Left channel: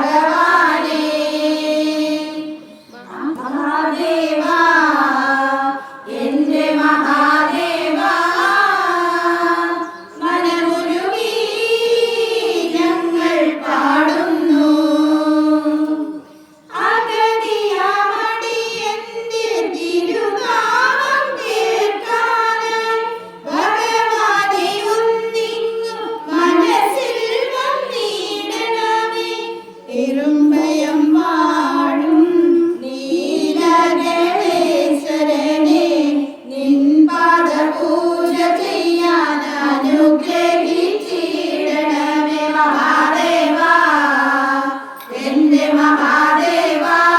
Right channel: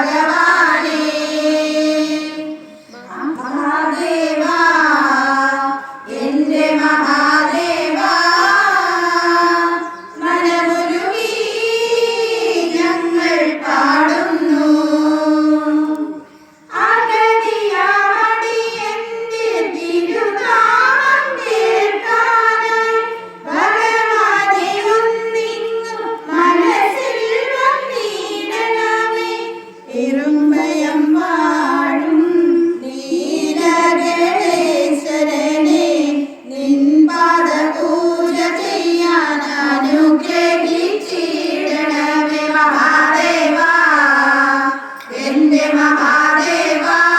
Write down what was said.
あり。महादेवा